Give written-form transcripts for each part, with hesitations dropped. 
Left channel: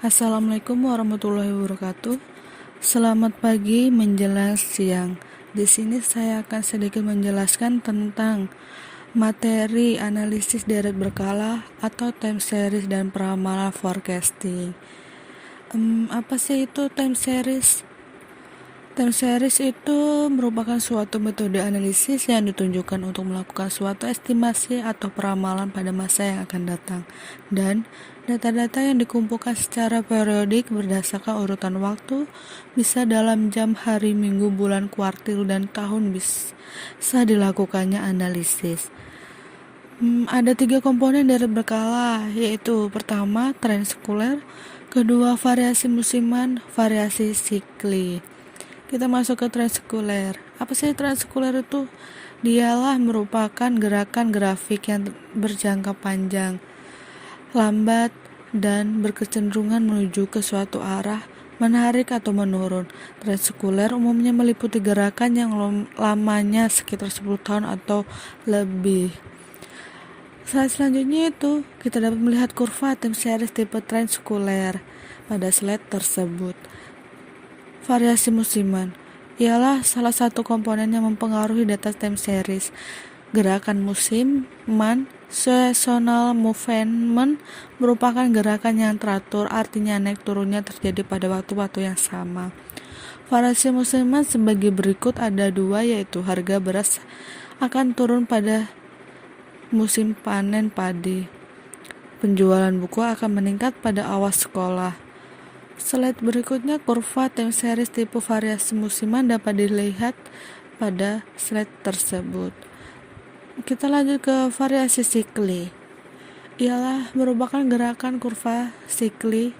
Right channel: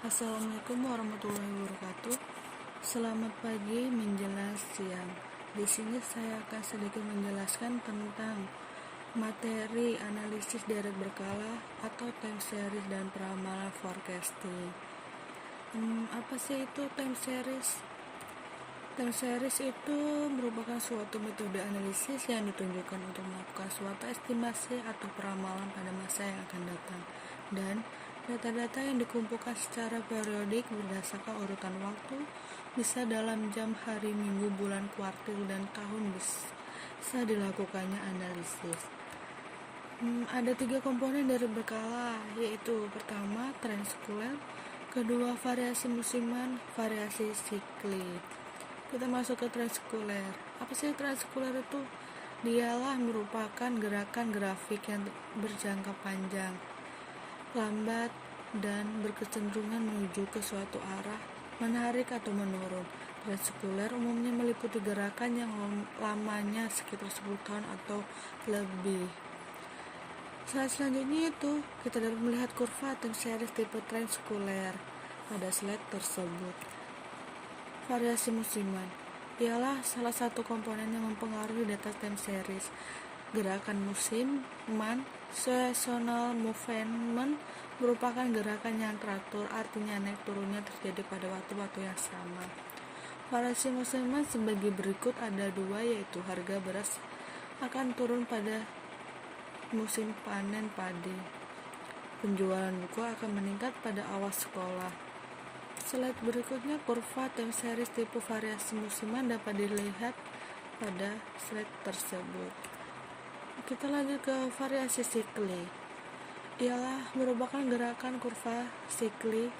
Assalamualaikum warahmatullahi wabarakatuh. Selamat pagi menjelang siang. Di sini saya akan sedikit menjelaskan tentang materi analisis deret berkala atau time series dan peramalan forecasting. Apa sih itu time series? Time series itu merupakan suatu metode analisis yang ditunjukkan untuk melakukan suatu estimasi atau peramalan pada masa yang akan datang, dan data-data yang dikumpulkan secara periodik berdasarkan urutan waktu, bisa dalam jam, hari, minggu, bulan, kuartil, dan tahun bisa dilakukannya analisis. Ada 3 komponen dari berkala, yaitu pertama tren sekuler, kedua variasi musiman, variasi sikli. Kita masuk ke tren sekuler. Apa sih tren sekuler itu? Dialah merupakan gerakan grafik yang berjangka panjang, lambat, dan berkecenderungan menuju ke suatu arah, menarik atau menurun. Tren sekuler umumnya meliputi gerakan yang lamanya sekitar 10 tahun atau lebih. Slide selanjutnya itu kita dapat melihat kurva time series tipe tren sekuler pada slide tersebut. Variasi musiman ialah salah satu komponen yang mempengaruhi data time series. Gerakan musiman, seasonal movement, merupakan gerakan yang teratur, artinya naik turunnya terjadi pada waktu-waktu yang sama. Variasi musiman sebagai berikut ada 2, yaitu harga beras akan turun pada musim panen padi. Penjualan buku akan meningkat pada awal sekolah. Slide berikutnya kurva time series tipe variasi musiman dapat dilihat pada slide tersebut. Kita lanjut ke variasi sikli. Ialah merupakan gerakan kurva sikli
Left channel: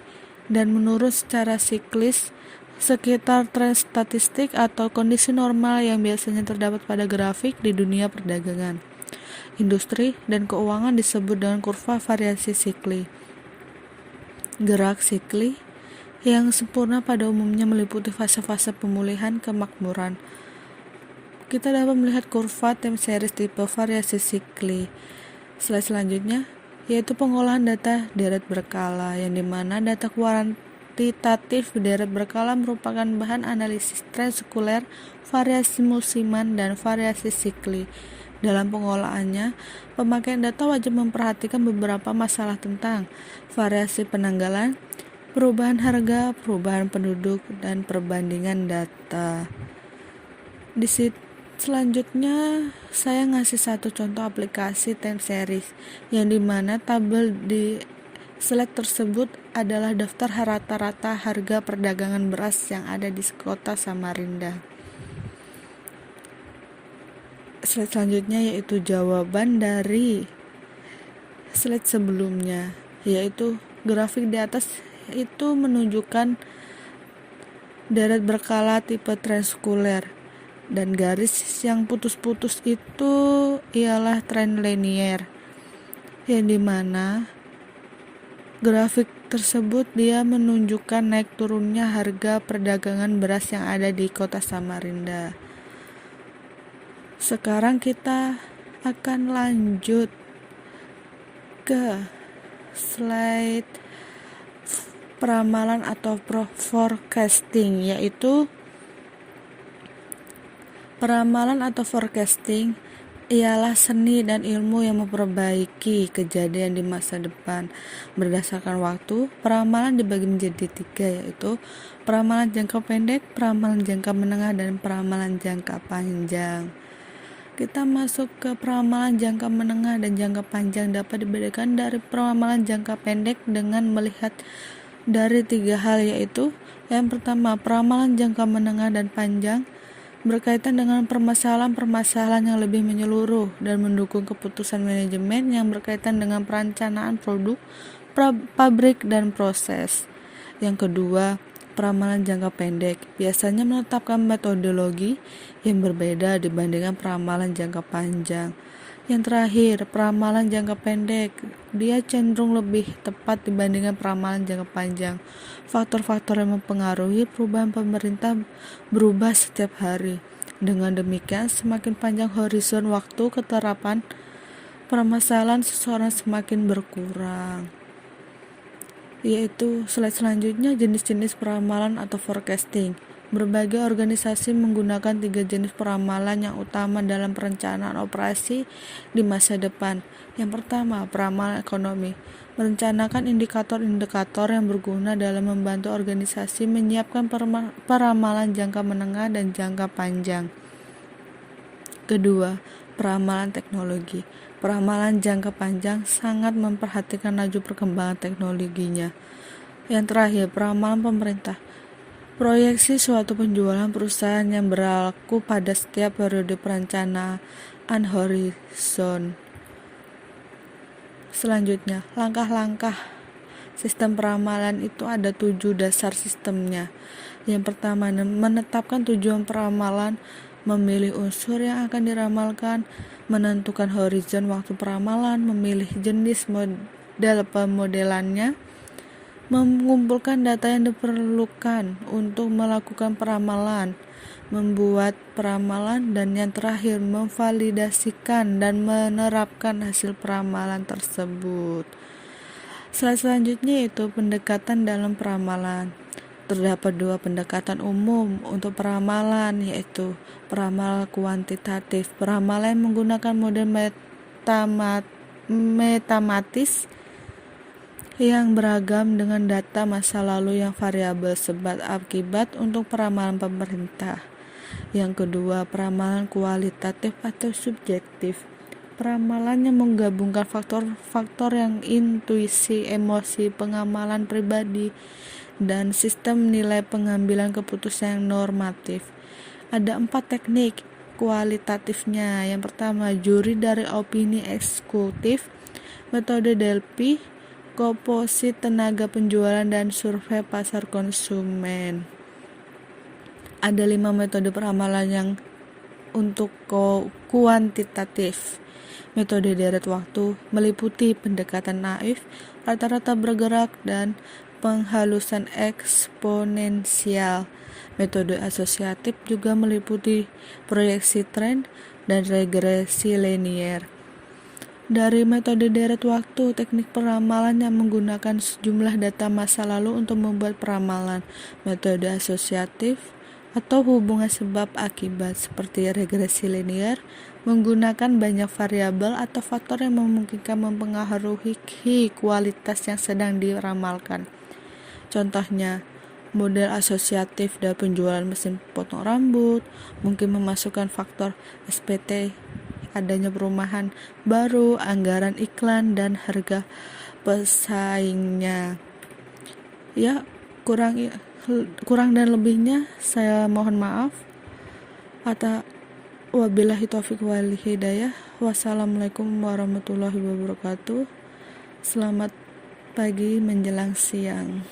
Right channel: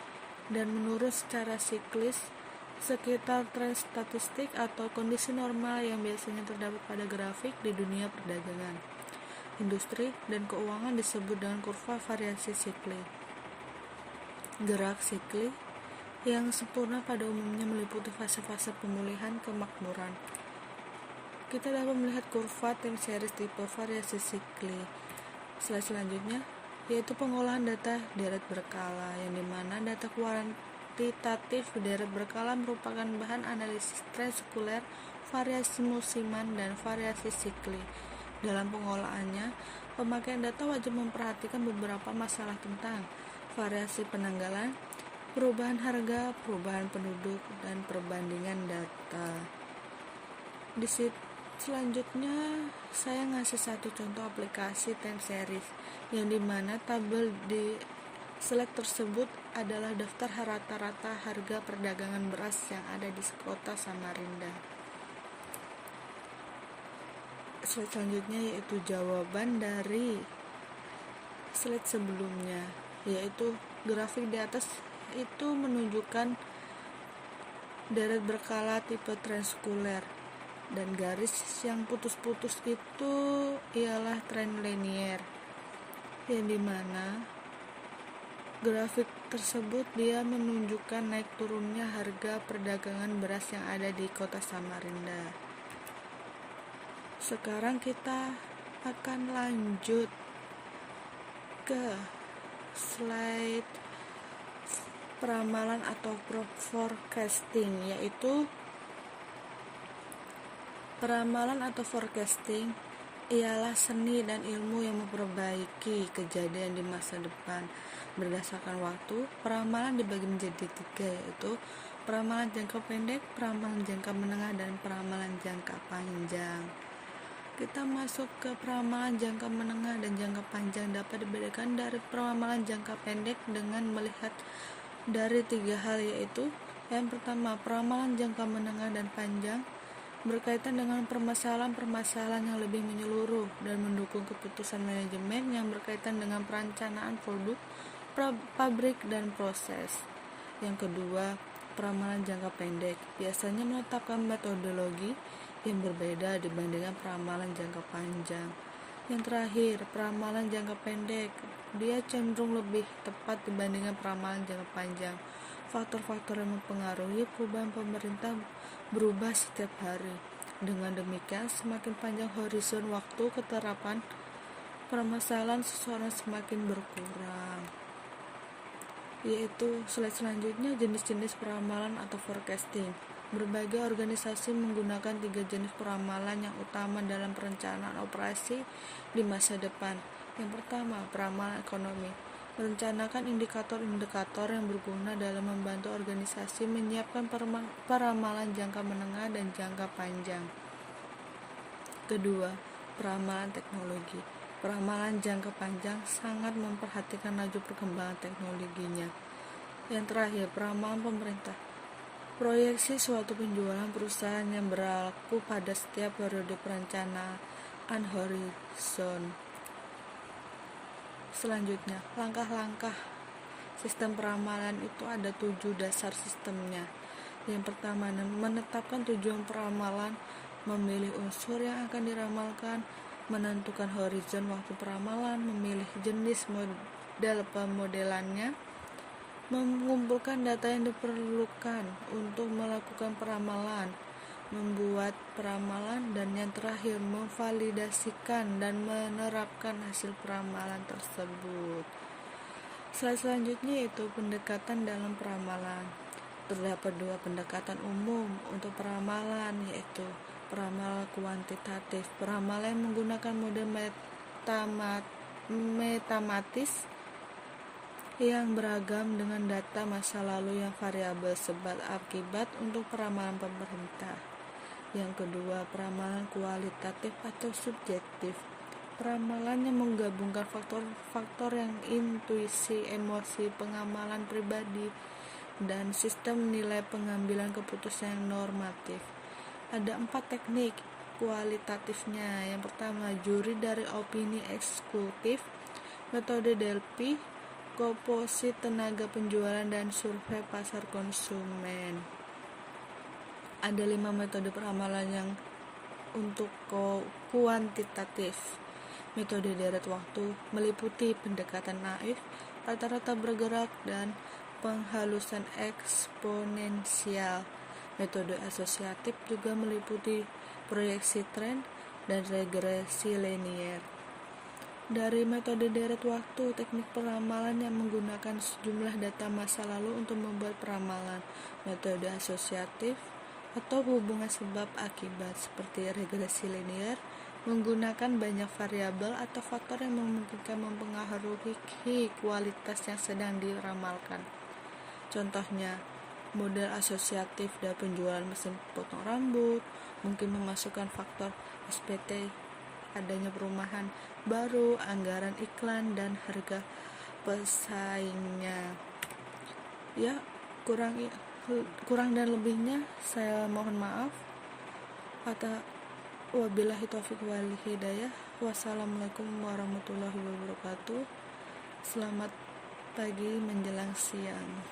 dan menurun secara siklis sekitar tren statistik atau kondisi normal yang biasanya terdapat pada grafik di dunia perdagangan, industri, dan keuangan disebut dengan kurva variasi sikli. Gerak sikli yang sempurna pada umumnya meliputi fase-fase pemulihan kemakmuran. Kita dapat melihat kurva time series tipe variasi sikli. Slide selanjutnya yaitu pengolahan data deret berkala, yang dimana data kuantitatif deret berkala merupakan bahan analisis tren sekuler, variasi musiman, dan variasi sikli. Dalam pengolahannya, pemakaian data wajib memperhatikan beberapa masalah tentang variasi penanggalan, perubahan harga, perubahan penduduk, dan perbandingan data. Di selanjutnya saya ngasih satu contoh aplikasi time series, yang dimana tabel di slide tersebut adalah daftar rata-rata harga perdagangan beras yang ada di kota Samarinda. Slide selanjutnya yaitu jawaban dari slide sebelumnya, yaitu grafik di atas itu menunjukkan deret berkala tipe tren sekuler, dan garis yang putus-putus itu ialah tren linear, yang dimana grafik tersebut dia menunjukkan naik turunnya harga perdagangan beras yang ada di kota Samarinda. Sekarang kita akan lanjut ke slide peramalan atau forecasting, yaitu peramalan atau forecasting ialah seni dan ilmu yang memperbaiki kejadian di masa depan berdasarkan waktu. Peramalan dibagi menjadi 3, yaitu peramalan jangka pendek, peramalan jangka menengah, dan peramalan jangka panjang. Kita masuk ke peramalan jangka menengah dan jangka panjang. Dapat dibedakan dari peramalan jangka pendek dengan melihat dari 3 hal, yaitu yang pertama, peramalan jangka menengah dan panjang berkaitan dengan permasalahan-permasalahan yang lebih menyeluruh dan mendukung keputusan manajemen yang berkaitan dengan perencanaan produk, pabrik, dan proses. Yang kedua, peramalan jangka pendek biasanya menetapkan metodologi yang berbeda dibandingkan peramalan jangka panjang. Yang terakhir, peramalan jangka pendek dia cenderung lebih tepat dibandingkan peramalan jangka panjang. Faktor-faktor yang mempengaruhi perubahan pemerintah berubah setiap hari. Dengan demikian, semakin panjang horizon waktu keterapan permasalahan seseorang semakin berkurang. yaitu slide selanjutnya jenis-jenis peramalan atau forecasting. Berbagai organisasi menggunakan 3 jenis peramalan yang utama dalam perencanaan operasi di masa depan. Yang pertama, peramalan ekonomi. Merencanakan indikator-indikator yang berguna dalam membantu organisasi menyiapkan peramalan jangka menengah dan jangka panjang. Kedua, peramalan teknologi. Peramalan jangka panjang sangat memperhatikan laju perkembangan teknologinya. Yang terakhir, peramalan pemerintah. Proyeksi suatu penjualan perusahaan yang berlaku pada setiap periode perencanaan horizon. Selanjutnya, langkah-langkah sistem peramalan itu ada 7 dasar sistemnya. Yang pertama, menetapkan tujuan peramalan, memilih unsur yang akan diramalkan, menentukan horizon waktu peramalan, memilih jenis model pemodelannya, mengumpulkan data yang diperlukan untuk melakukan peramalan, membuat peramalan, dan yang terakhir memvalidasikan dan menerapkan hasil peramalan tersebut. Slide selanjutnya yaitu pendekatan dalam peramalan. Terdapat 2 pendekatan umum untuk peramalan, yaitu peramalan kuantitatif. Peramalan menggunakan model matematis yang beragam dengan data masa lalu yang variabel sebab akibat untuk peramalan pemerintah. Yang kedua, peramalan kualitatif atau subjektif. Peramalan yang menggabungkan faktor-faktor yang intuisi, emosi, pengamalan pribadi, dan sistem nilai pengambilan keputusan yang normatif. Ada 4 teknik kualitatifnya. Yang pertama, juri dari opini eksekutif, metode Delphi, komposit tenaga penjualan, dan survei pasar konsumen. Ada 5 metode peramalan yang untuk kuantitatif. Metode deret waktu meliputi pendekatan naif, rata-rata bergerak, dan penghalusan eksponensial. Metode asosiatif juga meliputi proyeksi tren dan regresi linier. Dari metode deret waktu, teknik peramalan yang menggunakan sejumlah data masa lalu untuk membuat peramalan. Metode asosiatif atau hubungan sebab akibat seperti regresi linier menggunakan banyak variabel atau faktor yang memungkinkan mempengaruhi kualitas yang sedang diramalkan. Contohnya, model asosiatif dari penjualan mesin potong rambut mungkin memasukkan faktor SPT, adanya perumahan baru, anggaran iklan, dan harga pesaingnya. Ya, kurang dan lebihnya saya mohon maaf. Wabillahi taufiq wal hidayah. Wassalamualaikum warahmatullahi wabarakatuh. Selamat pagi menjelang siang.